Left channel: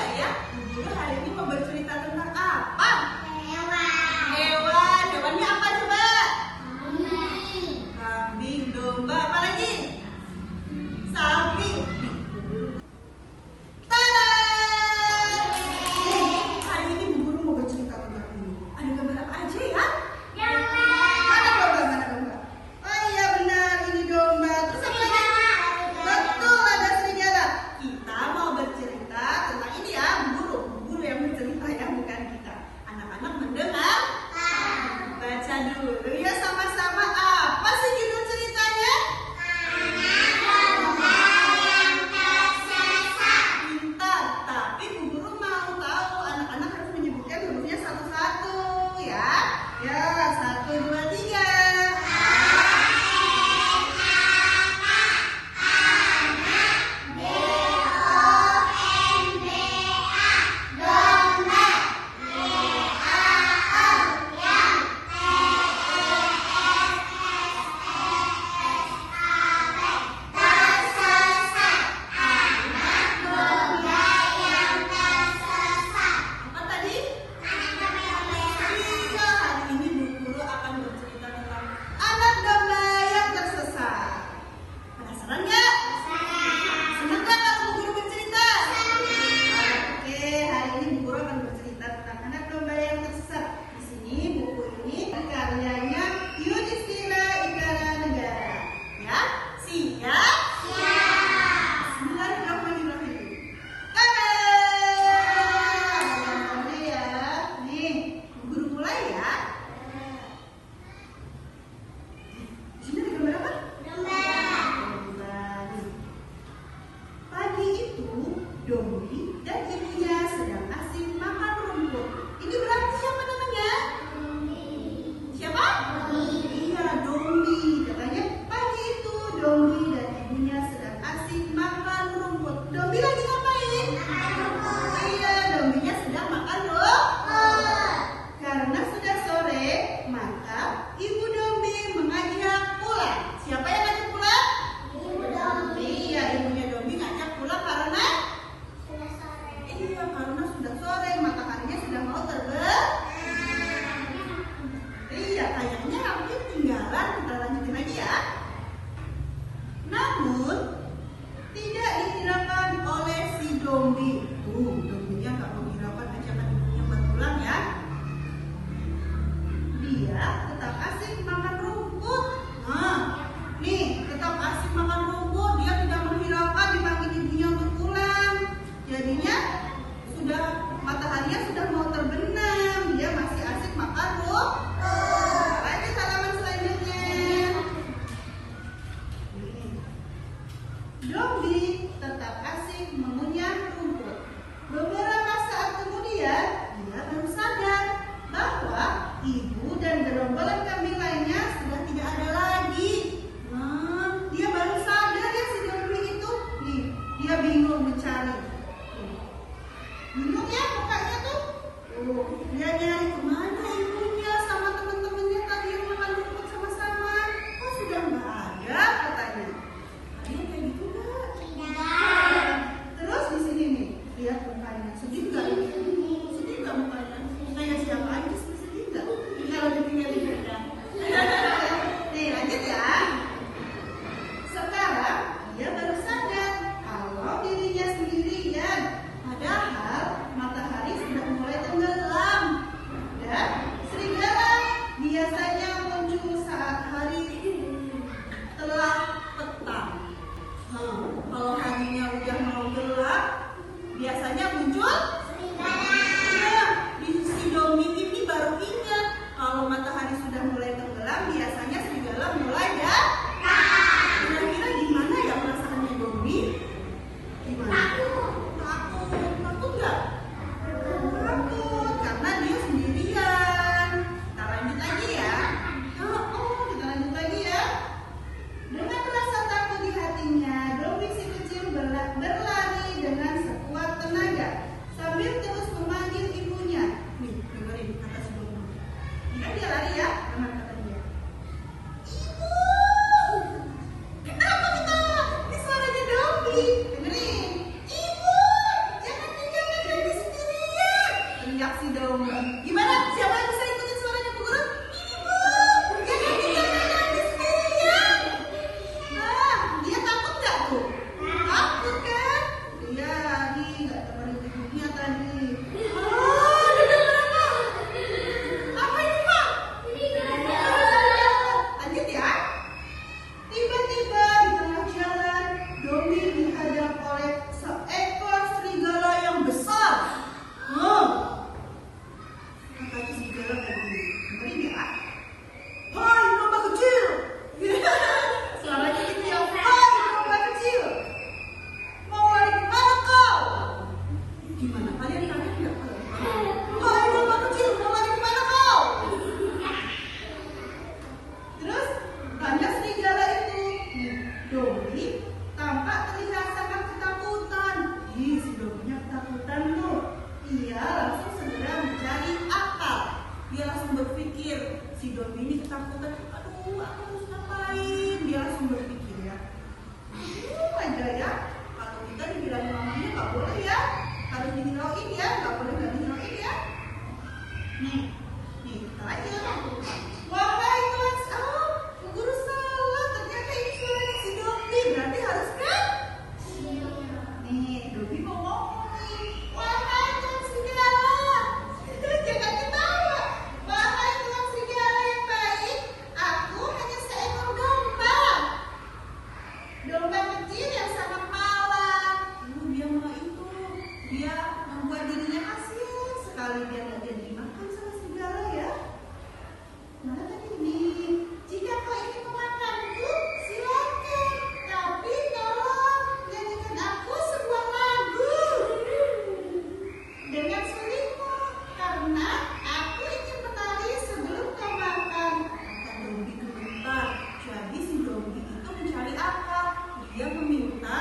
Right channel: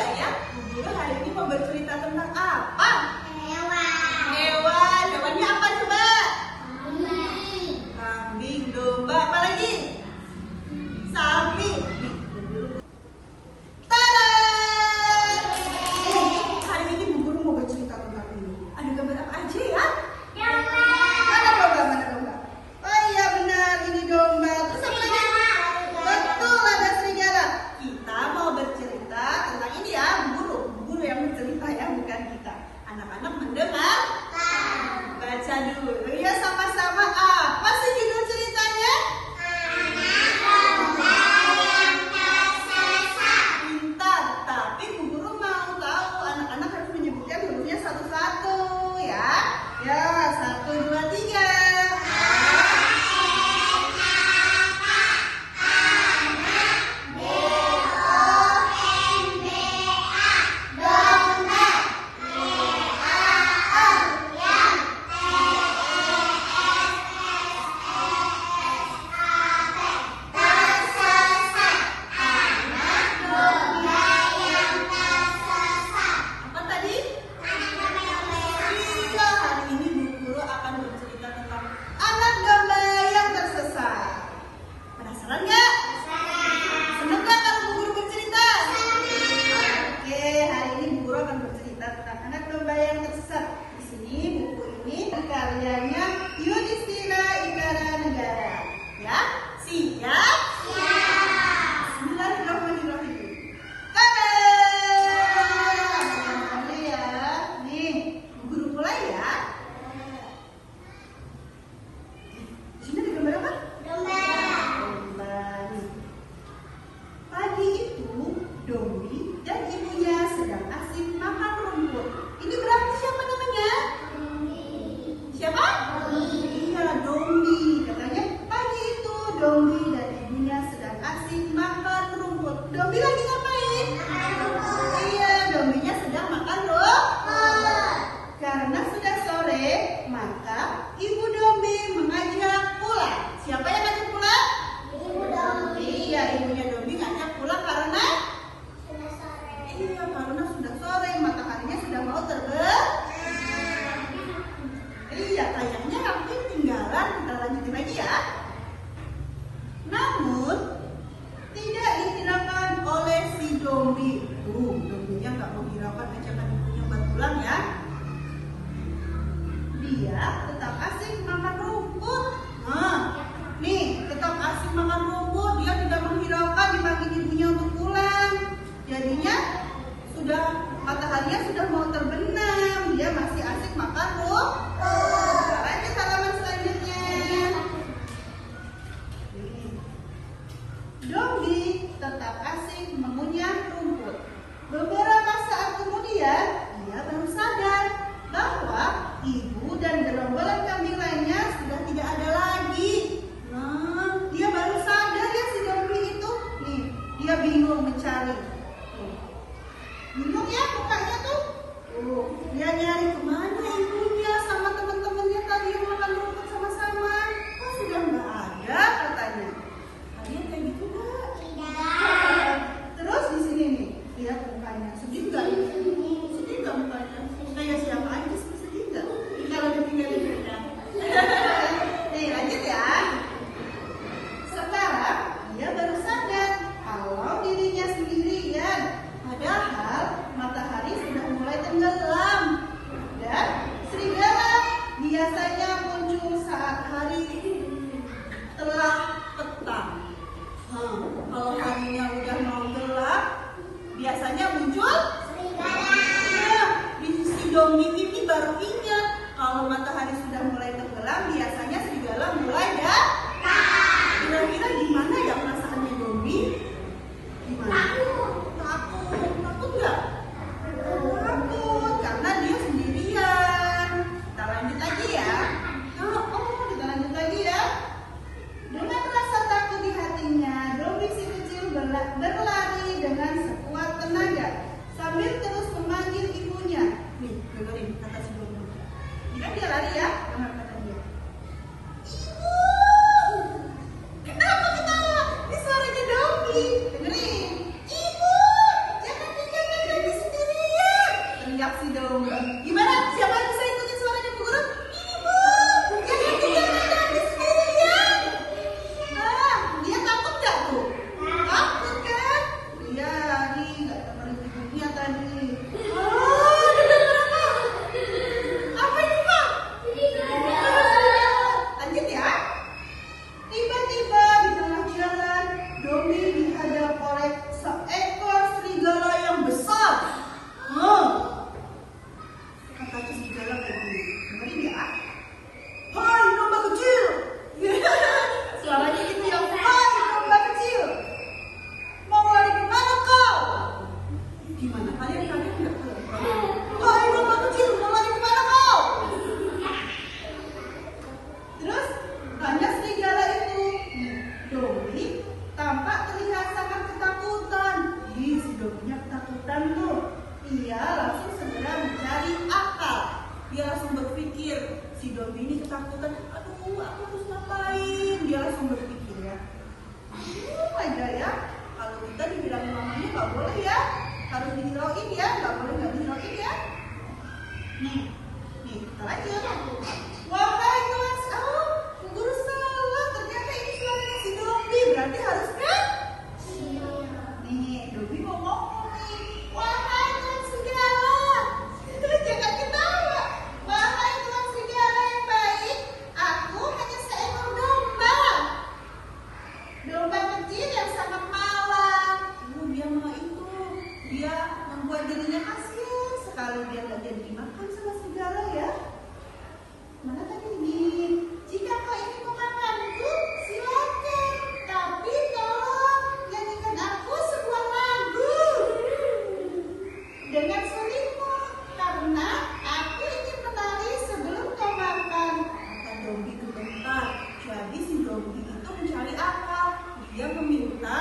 nggak ya? Bu Guru hari ini mau bercerita tentang apa? Hewan. Hewan. Hewannya apa coba? Kambing. Kambing, domba, apa lagi? Sapi. Tada! Hari ini Bu Guru mau bercerita tentang ini. Ada gambar apa aja ya? Domba. Mana domba? Mana domba? Oh iya benar, ini domba. Terus apa lagi? Betul, ada serigala. Kita mau bercerita tentang ini ya, Bu Guru yang bercerita ya, bukan kita. Anak-anak mendengar? Baca dulu ya sama-sama. Apa sih judul ceritanya? Pintar, tapi Bu Guru mau tahu anak-anak harus menyebutkan hurufnya satu-satu ya. Ya, 1, 2, 3. Apa tadi? Iya, hari ini Bu Guru akan bercerita tentang anak domba yang tersesat. Penasaran nggak? Senang nggak kalau Bu Guru bercerita? Oke, hari ini Bu Guru akan bercerita tentang anak domba yang tersesat. Di sini buku ini karyanya Yudhistira Inggaranegara. Ya, siap? Bismillahirrahmanirrahim. Tada! Namanya ya. Nih, Bu Guru mulai ya. Di sini ada gambar apa? Domba. Domba. Pagi itu, Dombi dan ibunya sedang asik makan rumput. Ini berarti siapa namanya? Siapa? Iya, Dombi. Katanya pagi itu Dombi dan ibunya sedang asik makan rumput. Dombi lagi ngapain? Iya, Dombinya sedang makan rumput. Karena sudah sore, maka ibu Dombi mengajak pulang. Siapa yang ngajak pulang? Ibu Dombi. Iya, ibunya Dombi ngajak pulang karena Sudah sore. iya, karena sudah sore, mataharinya sudah mau terbit. Iya, kayaknya aku tinggalan, kita lanjutin lagi ya. Namun, tidak dihiraukan oleh si Dombi. Dombinya nggak menghiraukan ajakan ibunya buat pulang ya. Dia tetap asik makan rumput. Nah, nih, tetap asik makan rumput. Dia tidak menghiraukan dipanggil ibunya untuk pulang. Jadinya, sudah mataharinya sudah mau terbenam. Dia masih asik makan rumput. Lanjut halaman selanjutnya. Dombi tetap asik mengunyah rumput. Beberapa saat kemudian, dia baru sadar bahwa ibu dan gerombolan kambing lainnya sudah tidak ada lagi. Nah, dia baru sadar ya si Dombi itu. Nih, dia bingung mencari. Tuh. Bingung ya mukanya tuh. Dia nyari kemana ibunya sama teman-temannya tadi yang makan rumput sama-sama. Kok sudah nggak ada katanya. Kalian kayak gitu nggak? Tidak. Terus di sini nih, lihat mukanya. Sedih nggak? Sedih nggak mukanya? Kayak siapa aja sedih nggak? Kalau ditinggal ibunya. Nih lanjut ya. Sekarang dia baru sadar kalau dirinya sendirian. Padahal matahari sudah mulai tenggelam. Dan serigala biasanya muncul saat hari telah petang. Kalau harinya udah mau gelap, biasanya muncul serigala. Si Dombi ini baru ingat kalau matahari sudah mulai tenggelam, biasanya serigala mulai datang. Kira-kira gimana ya perasaannya Dombi? Gimana? Takut nggak? Takut karena dia sendirian. Kita lanjut lagi ya. Kita lanjut lagi ya. Dengan rasa takut di hatinya, Dombi si kecil berlari dengan sekuat tenaga sambil terus memanggil ibunya. Nih, dengerin kata si Dombi. Kan dia lari ya, dengar kata dia. Ibu! Kenapa ketawa? Ini suaranya Dombi. Dengerin. Ibu! Jangan tinggalkan teriak si domba. Gimana? Siapa yang bisa ikutin suaranya Bu Guru? Ini Bu, yang ikutin main sendirian. Nah, dia takut nggak Bu? Takut kan? Iya, nih nggak temenin ibunya tadi. Oh, dengar apa? Apa itu Pak? Lanjut ya. Tiba-tiba di tengah jalan, Dombi dihadap oleh seekor serigala yang besar. Kata serigala kayak gini, dengerin ya. Hai domba kecil. Suaranya gitu ya. Hai domba kecil. Mau lari kemana kau? Gimana? Kalian kaget nggak? Hai domba kecil, mau lari kemana kau? Terus tanya serigala itu. Dombi tampak terlihat sangat ketakutan. Si Dombinya ketakutan tuh. Ia langsung segera mencari akal. Dia langsung berpikir, si Dombi ini ketakutan. Aduh, aku harus ngapain? Dia langsung berpikir ya. Aja ya. Kalau kita dibilang mamanya nggak boleh ya. Harus dihirauin ya. Nggak boleh nggak dihirauin ya. Nih, kita lanjut. Wahai kawan, Bu Guru salah. Ternyata ini suaranya si Dombi. Berarti harus kan? Nih, Dombi mau ngomong nih. Wahai tuan serigala, jangan ketawa. Wahai tuan serigala yang baik, aku hanya seekor domba. Domba kecil yang sangat malang. Dia mah itu. Dia membuat dirinya kasihan sekali. Dia nggak jadi dimakan sama serigala ya. Mana tadi nih? Jika kau ingin memakanku, silakan. Tapi tolong nyanyikan aku sebuah lagu dengan sulitmu, karena aku ingin menari sebelum kau makan. Kata Dombi gemetar. Jadi si Dombi itu mencari akal. Dia meminta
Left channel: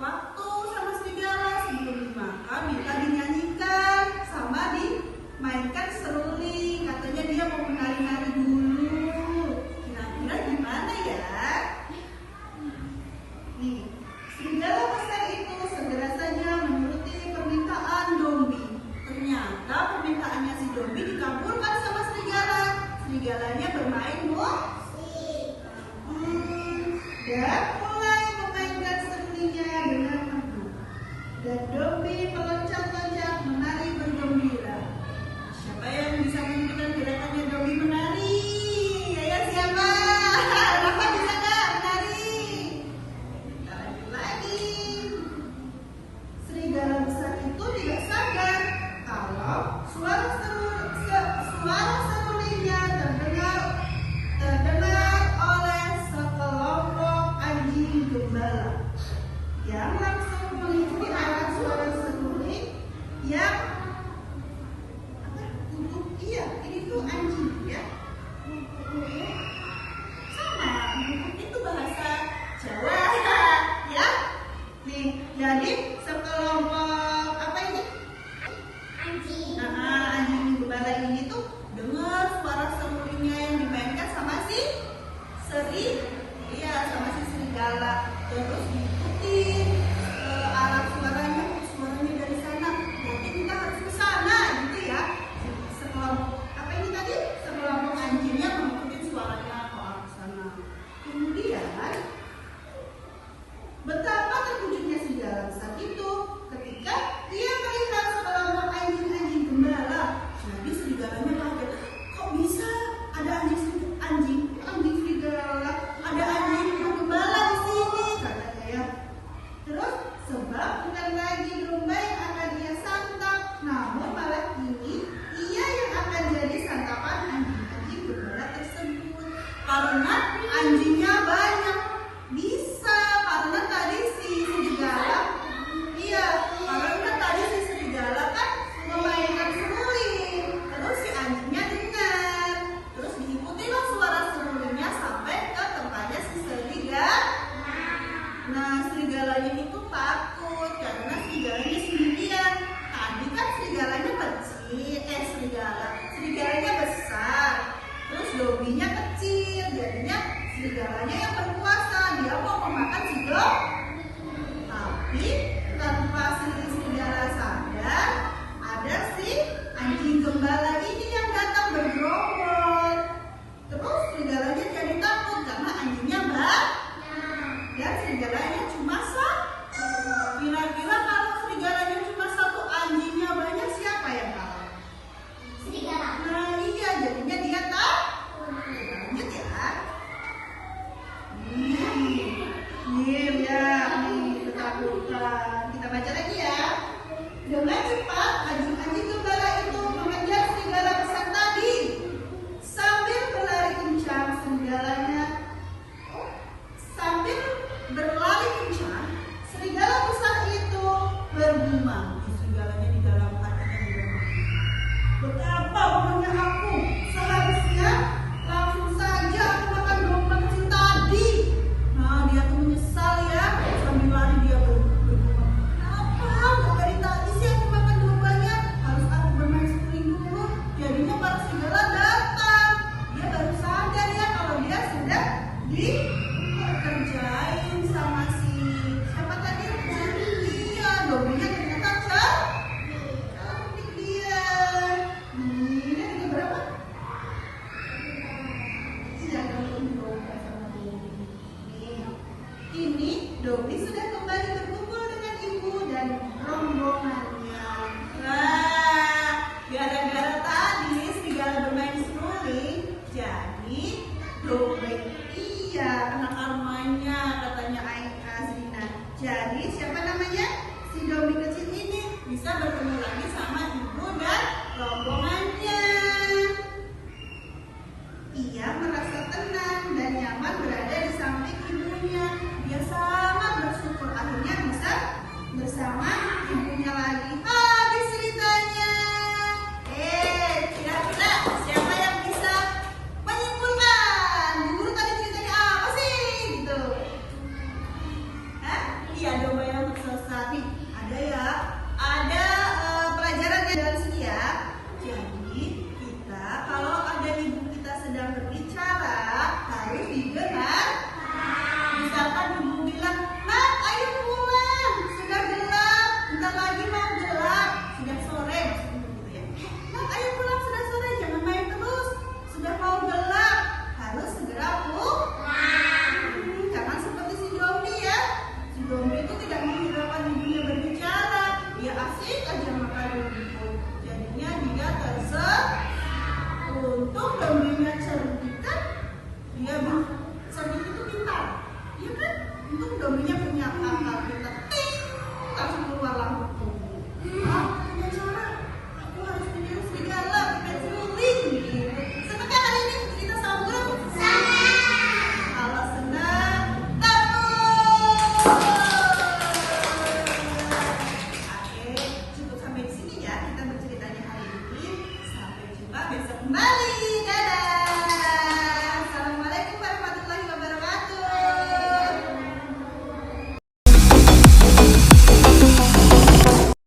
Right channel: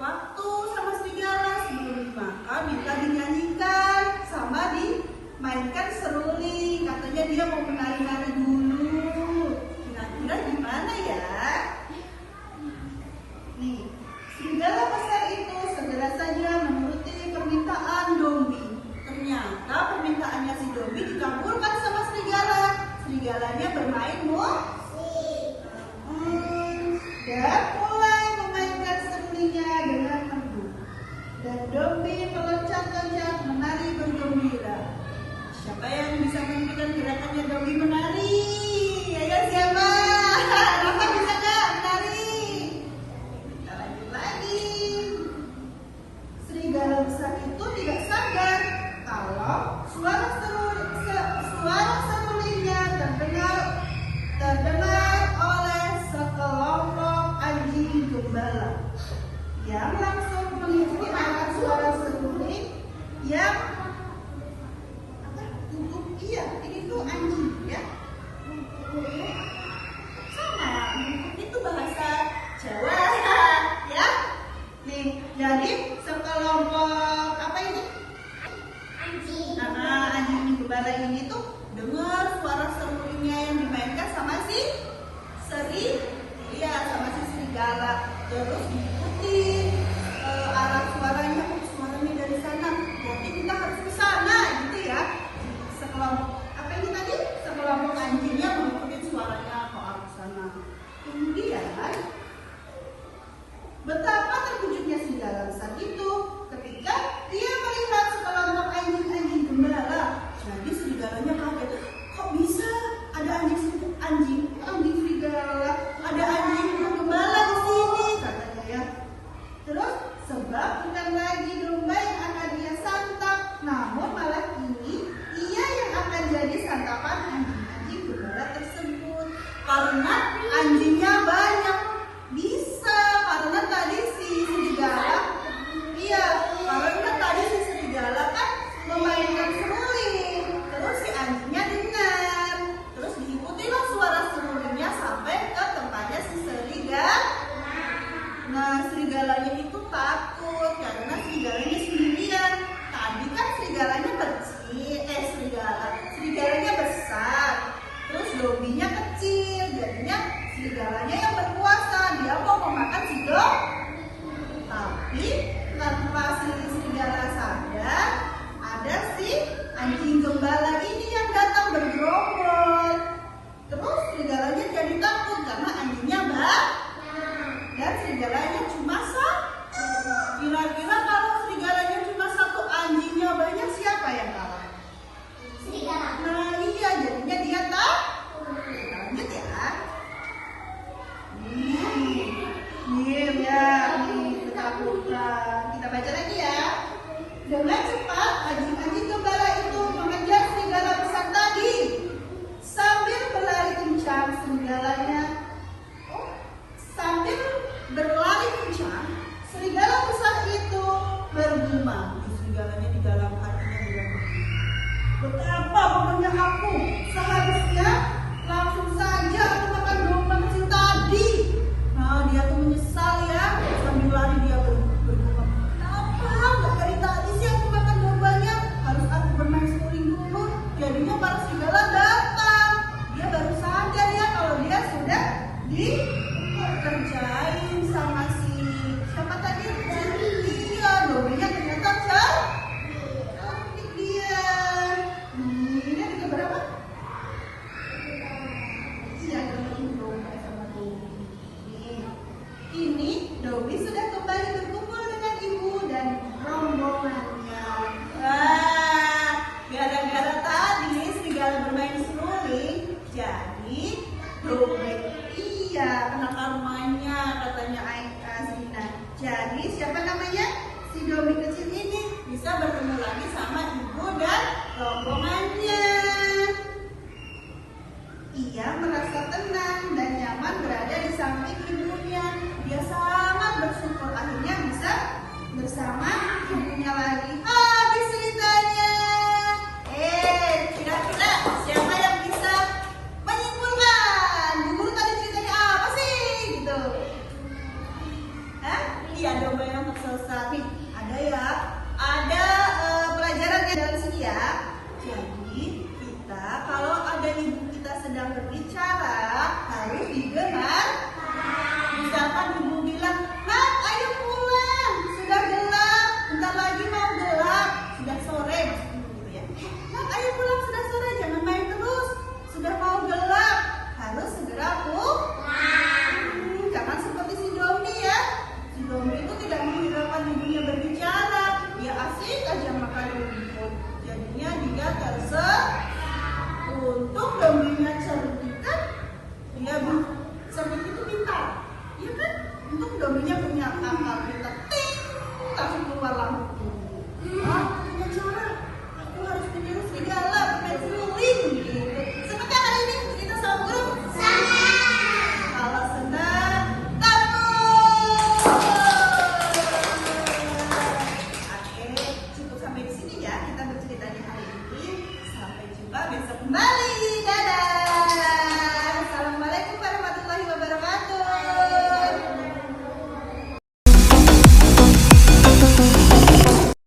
waktu sama serigala sebelum dimakan, minta dinyanyikan sama dimainkan seruling. Katanya dia mau menari-nari dulu. Kira-kira gimana ya? Nih, serigala besar itu segera saja menuruti permintaan Dombi. Ternyata permintaannya si Dombi dikabulkan sama serigala. Serigalanya bermain musik dan mulai memainkan serulingnya dengan merdu. Dan Dombi meloncat-loncat menari bergembira. Siapa yang bisa menunjukkan gerakannya Dombi menari? Ayo siapa? Rafa bisa nggak menari? Kita lanjut lagi. Serigala besar itu tidak sadar kalau suara serulingnya terdengar oleh sekelompok anjing gembala yang langsung mengikuti arah suara seruling yang iya, ini tuh anjing ya. Sama, itu bahasa Jawa ya. Nih, jadi sekelompok apa ini? Anjing. Anjing gembala ini tuh dengar suara serulingnya yang dimainkan sama si serigala, terus diikutin cepat anjing-anjing gembala itu mengejar serigala besar tadi. Sambil berlari kencang, serigala besar itu bergumam. Serigalanya di dalam hatinya bilang, betapa bodohnya aku, seharusnya langsung saja aku makan domba kecil tadi. Nah, dia tuh menyesal ya, sambil lari dia bergumam, kenapa nggak dari tadi sih aku makan dombanya, harus aku bermain sepuring dulu. Jadinya para serigala datang. Dia baru sadar ya kalau dia sudah dikerjain sama siapa tadi? Iya, dombanya ternyata cantik dia. Ini ada berapa? Iya, domba sama Dobi. Ini Dobi sudah kembali berkumpul dengan ibu dan rombongannya. Wah, gara-gara tadi serigala bermain seruling, jadi Dobi kena karmanya, katanya Zina. Jadi siapa namanya? Si Dobi kecil ini bisa bertemu lagi sama ibu dan rombongannya. Ia merasa tenang dan nyaman berada di samping ibunya. Dia sangat bersyukur akhirnya bisa bersama ibunya lagi. Habis ceritanya. Kira-kira siapa yang bisa menyimpulkan? Guru tadi ceritanya apa sih? Gitu. Iya, domba yang tersesat. Nih, ada ya. Ada pelajarannya dalam sini ya. Jadi, kita kalau ada ibu kita sedang berbicara harus didengar. Misalkan ibu bilang, "Nak, ayo pulang. Sudah gelap. Bentar lagi mau gelap. Sudah sore." Maksudnya begitu ya. "Nak, ayo pulang. Sudah sore. Jangan main terus. Sudah mau gelap. Harus segera pulang." Jangan seperti si Domi ya. Si Domi itu tidak menghiraukan ibunya berbicara. Dia asik aja makan rumput. Jadinya dia untung Dominya cerdik kan? Dia cerdik itu pintar. Iya kan? Untung Dominya punya akal pintar. Langsung keluar lampu. Punya cara. Aku harus meniru serigala bermain seruling gitu. Senang kan hari ini cerita sama guru? Kalau senang, cukup sampai di sini ya kita berceritanya hari ini. Sampai jumpa besok kembali. Dadah.